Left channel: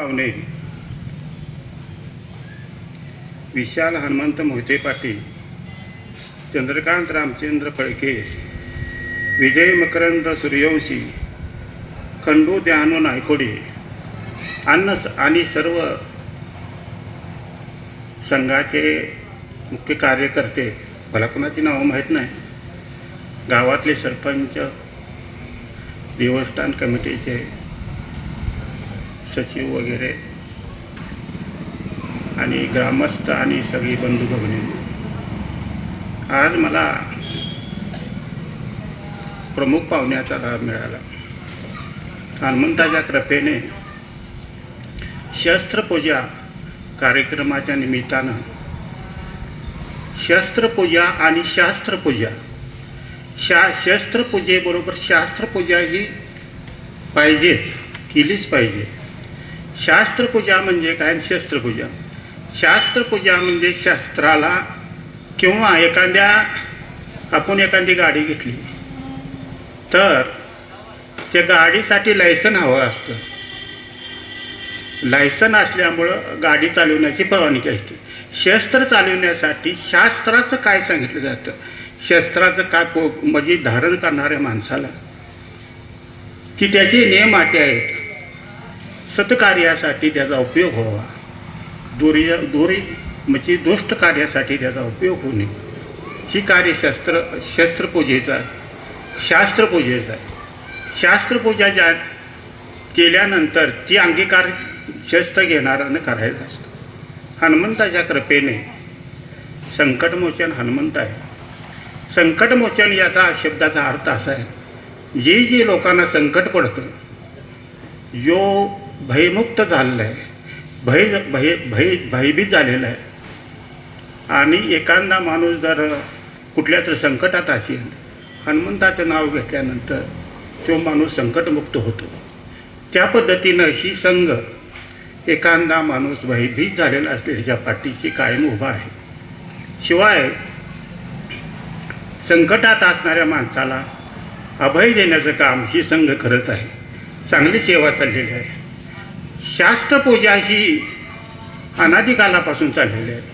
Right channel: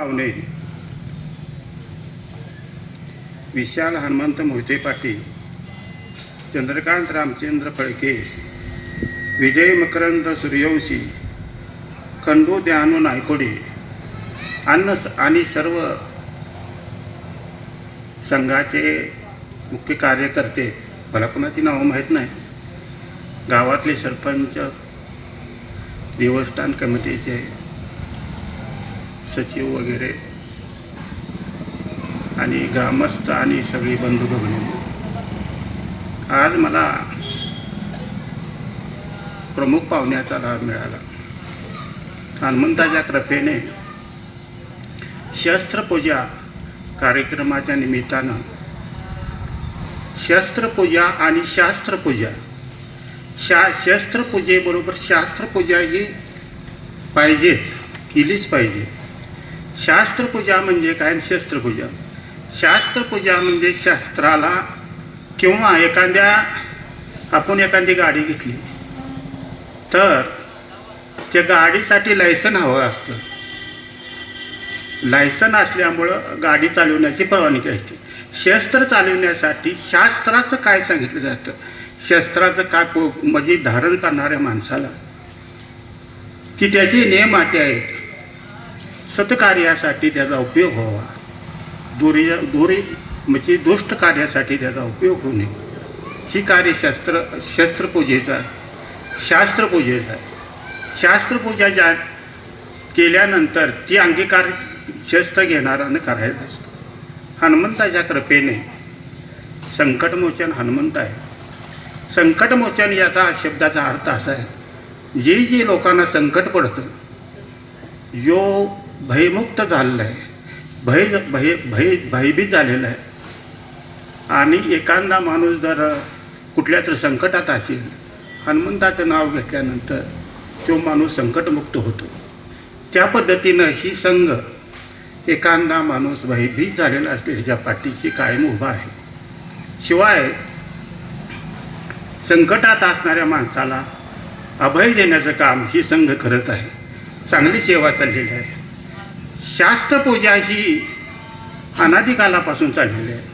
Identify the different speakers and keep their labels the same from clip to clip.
Speaker 1: पाहुणे. विशाल हनुमंत मोहिते पाटील चंद्रकांत रामचंद्र फळके विजय मकरंद सूर्यवंशी खंडू द्यानो नायकोडे अन्न आणि सर्व संघाचे मुख्य कार्यकर्ते. मला कोणाची नावं माहीत नाही. गावातले सरपंच देवस्थान कमिटीचे सचिव वगैरे आणि ग्रामस्थ आणि सगळी बंधू भगिनी आज मला प्रमुख पाहुण्याचा लाभ मिळाला. हनुमंताच्या कृपेने शस्त्रपूजा कार्यक्रमाच्या निमित्तानं शस्त्रपूजा आणि शास्त्रपूजा. शा शस्त्रपूजेबरोबर शास्त्रपूजा ही पाहिजेच केलीच पाहिजे. शास्त्रपूजा म्हणजे काय आणि शस्त्रपूजा? शास्त्रपूजा म्हणजे शास्त्राला किंवा एखाद्या आपण एखादी गाडी घेतली तर त्या गाडीसाठी लायसन हवं असतं. लायसन असल्यामुळं गाडी चालवण्याची परवानगी असते. शस्त्र चालवण्यासाठी शास्त्राचं काय सांगितलं जातं? शस्त्राचं काय को म्हणजे धारण करणाऱ्या माणसाला? की त्याचे नियम अटी आहेत. सतकार्यासाठी त्याचा उपयोग व्हावा. दोरी दोरी म्हणजे दुष्ट कार्यासाठी त्याचा उपयोग होणे. ही कार्यशास्त्र शस्त्रपूजेचा शास्त्रपूजेचा. आहे शास्त्रपूजा ज्या केल्यानंतर ती अंगीकार शस्त्र घेणारानं करायचं असतं. हनुमंताच्या कृपेने संकटमोचन हनुमंत आहे. संकटमोचन याचा शब्दाचा अर्थ असा आहे जे जे लोकांना संकट पडतं जो भयमुक्त झालेला आहे भय भय भय भयभीत झालेला आहे. आणि एखादा माणूस जर कुठल्या तरी संकटात असेल हनुमंताचं नाव घेतल्यानंतर तो माणूस संकटमुक्त होतो. त्या पद्धतीनं ही संघ एखादा माणूस भयभीत झालेला असलेल्या पाठीशी कायम उभा आहे. शिवाय संकटात असणाऱ्या माणसाला अभय देण्याचं काम ही संघ करत आहे. चांगली सेवा चाललेली आहे. शास्त्रपूजा ही अनादिकालापासून चाललेली आहे.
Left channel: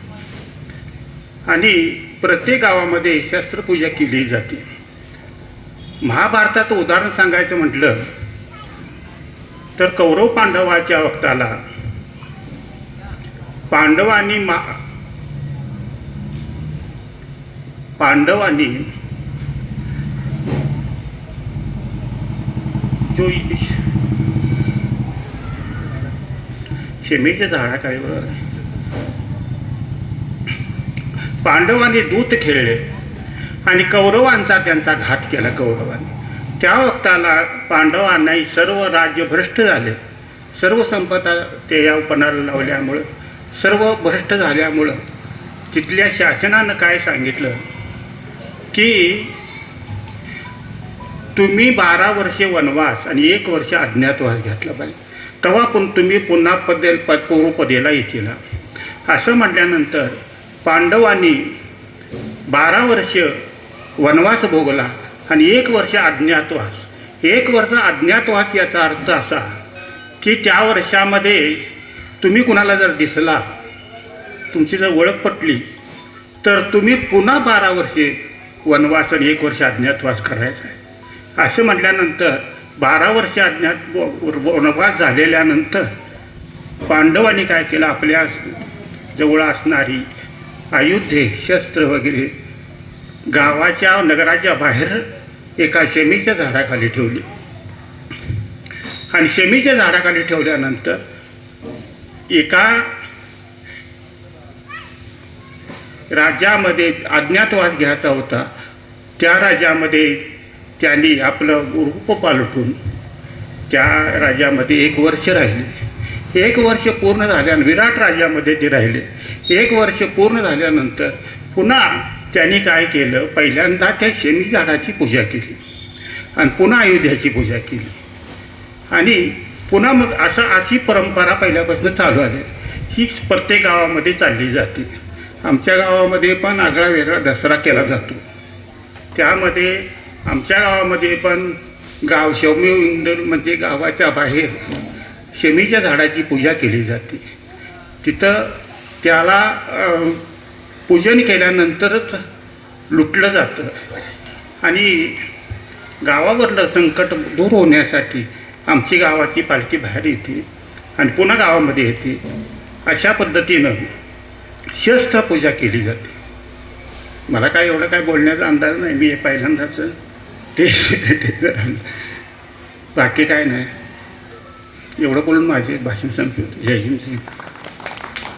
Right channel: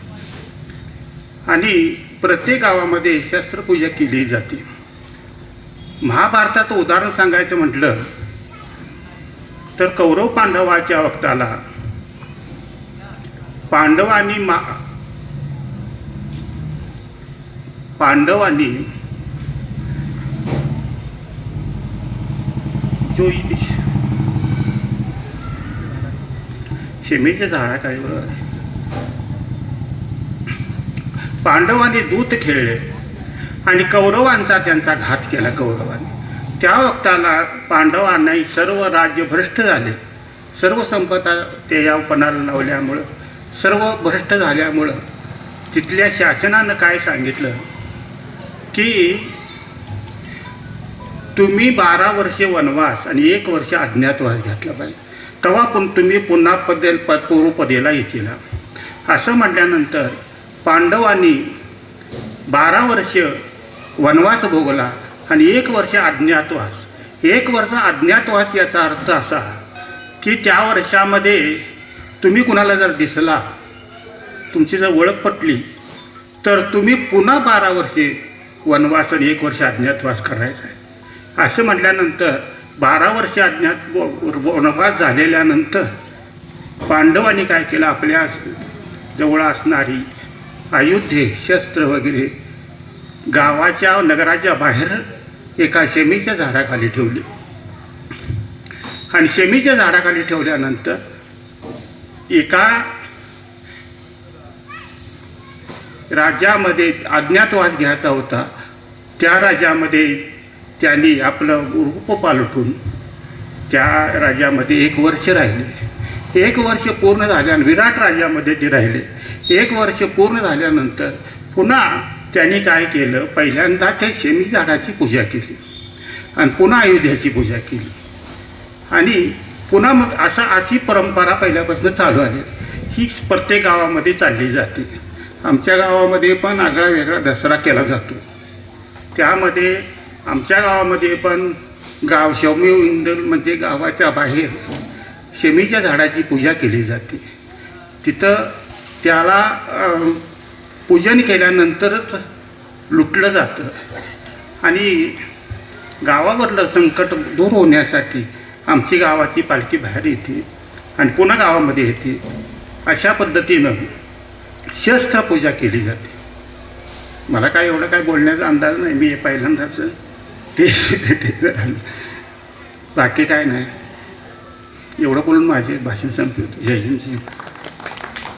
Speaker 1: आणि प्रत्येक गावामध्ये शस्त्रपूजा केली जाते. महाभारतात उदाहरण सांगायचं म्हटलं तर कौरव पांडवाच्या वक्ताला पांडवांनी मा पांडवांनी जो शिमीच्या झाडाकडे बरोबर पांडवांनी दूत खेळले आणि कौरवांचा त्यांचा घात केला कौरवांनी. त्या वक्ताला पांडवांनाही सर्व राज्य भ्रष्ट झाले. सर्व संपदा ते या पणाला लावल्यामुळं सर्व भ्रष्ट झाल्यामुळं तिथल्या शासनानं काय सांगितलं? की तुम्ही बारा वर्षे वनवास आणि एक वर्ष अज्ञातवास घेतला पाहिजे. तेव्हा पण तुम्ही पुन्हा पदेल प पूर्वपदेला येतील. असं म्हटल्यानंतर पांडवांनी बारा वर्ष वनवास भोगला आणि एक वर्ष अज्ञातवास. एक वर्ष अज्ञातवास याचा अर्थ असा की त्या वर्षामध्ये तुम्ही कुणाला जर दिसला तुमची जर ओळख पटली तर तुम्ही पुन्हा बारा वर्षे वनवास आणि एक वर्ष अज्ञातवास करायचा आहे. असं म्हटल्यानंतर बारा वर्ष अज्ञात वनवास झालेल्यानंतर पांडवांनी काय केलं? आपल्या जवळ असणारी आयुध्ये शस्त्र वगैरे गावाच्या नगराच्या बाहेर एका शेमीच्या झाडाखाली ठेवली. आणि शेमीच्या झाडाखाली ठेवल्यानंतर एका राज्यामध्ये अज्ञातवास घ्यायचा होता. त्या राज्यामध्ये त्यांनी आपलं रूप पालटून त्या राज्यामध्ये एक वर्ष राहिले. एक वर्ष पूर्ण झाल्यानं विराट राज्यामध्ये ते राहिले. एक वर्ष पूर्ण झाल्यानंतर पुन्हा त्यांनी काय केलं? पहिल्यांदा त्या शनी झाडाची पूजा केली आणि पुन्हा अयोध्याची पूजा केली. आणि पुन्हा मग असा अशी परंपरा पहिल्यापासून चालू आली ही प्रत्येक गावामध्ये चालली जाते. आमच्या गावामध्ये पण आगळा वेगळा दसरा केला जातो. त्यामध्ये आमच्या गावामध्ये पण गाव शौम्य इंदल म्हणजे गावाच्या बाहेर शमीच्या झाडाची पूजा केली जाते. तिथं त्याला पूजन केल्यानंतरच लुटलं जातं. आणि गावावरलं संकट दूर होण्यासाठी आमची गावाची पालखी बाहेर येते आणि पुन्हा गावामध्ये येते. अशा पद्धतीनं शस्त्रपूजा केली जाते. मला काय एवढं काय बोलण्याचा अंदाज नाही मी हे पहिल्यांदाच ते बाकी काय नाही. एवढं बोलून माझे भाषण संपवतो जय हिंद जय